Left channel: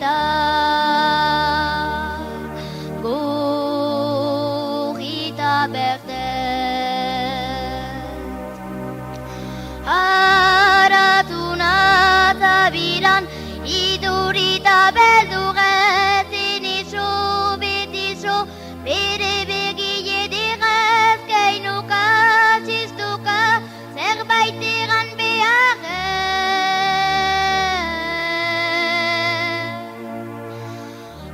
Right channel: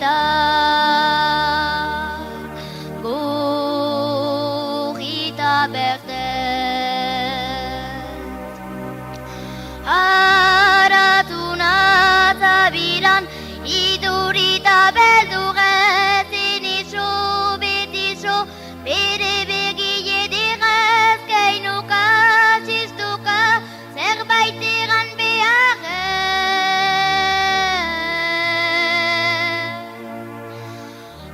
eta gorita bertez haratu natabilan idurita beldurez inizo betizo bere begie direz keinuka txistuka zerbait egan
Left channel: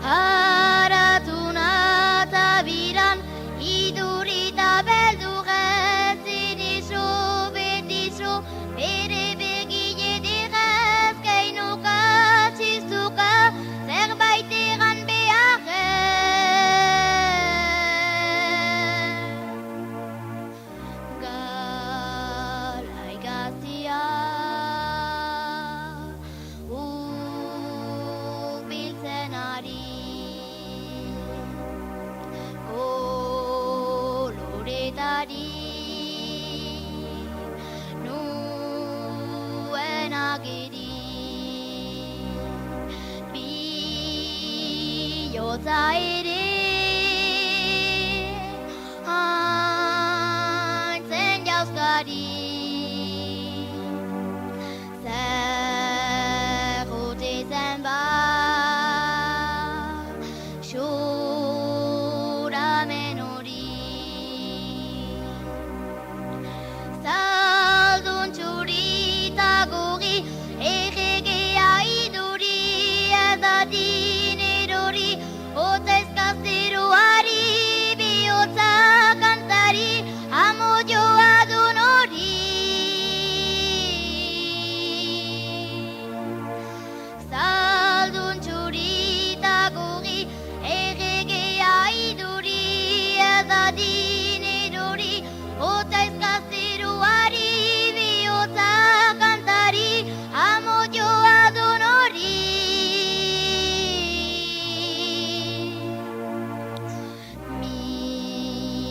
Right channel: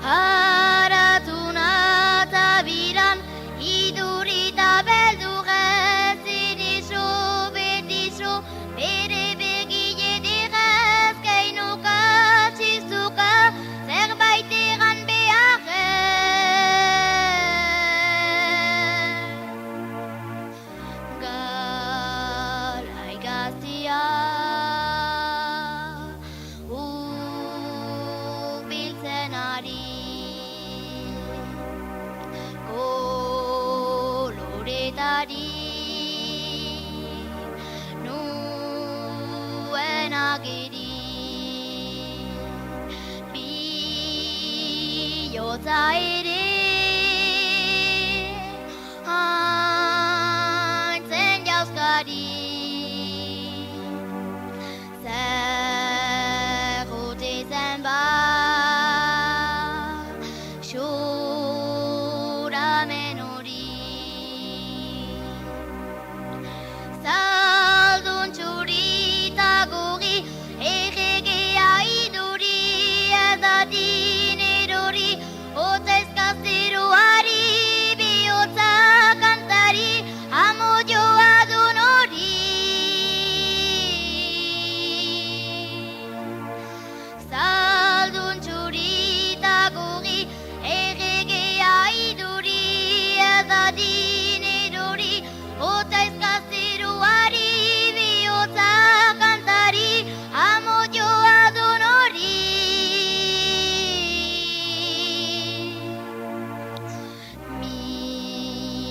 haratu natabilan idurita beldurez inizo betizo bere begie direz keinuka txistuka zerbait egan galai gaztia hurbiltzen ari koloretari nuen agiri bihotza ere haintzen jauzkari zer ote zen xoramen hori zaldun txurita gori erregea iduri ezadin erori hotzaizka zeroari bihotza kantari amodioa dun hori zaldun txurita gori erregea iduri ezadin erori hotzaizka zeroari bihotza kantari amodioa dun hori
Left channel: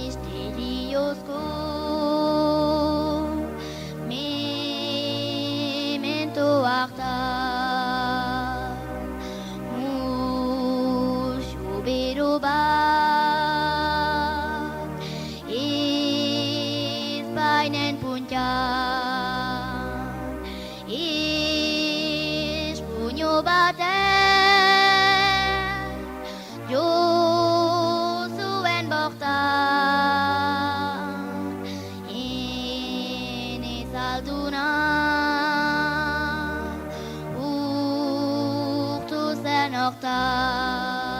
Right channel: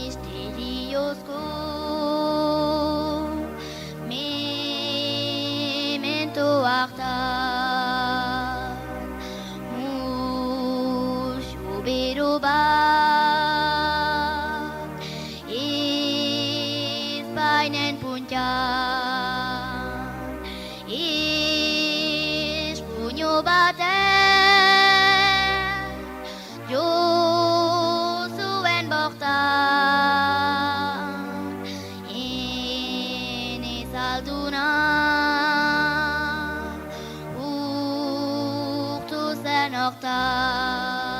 misteriozko memento hartan musu bero bat ezpainen puntan espuño baten jo zuen bortan enezalduna urtu zen hortan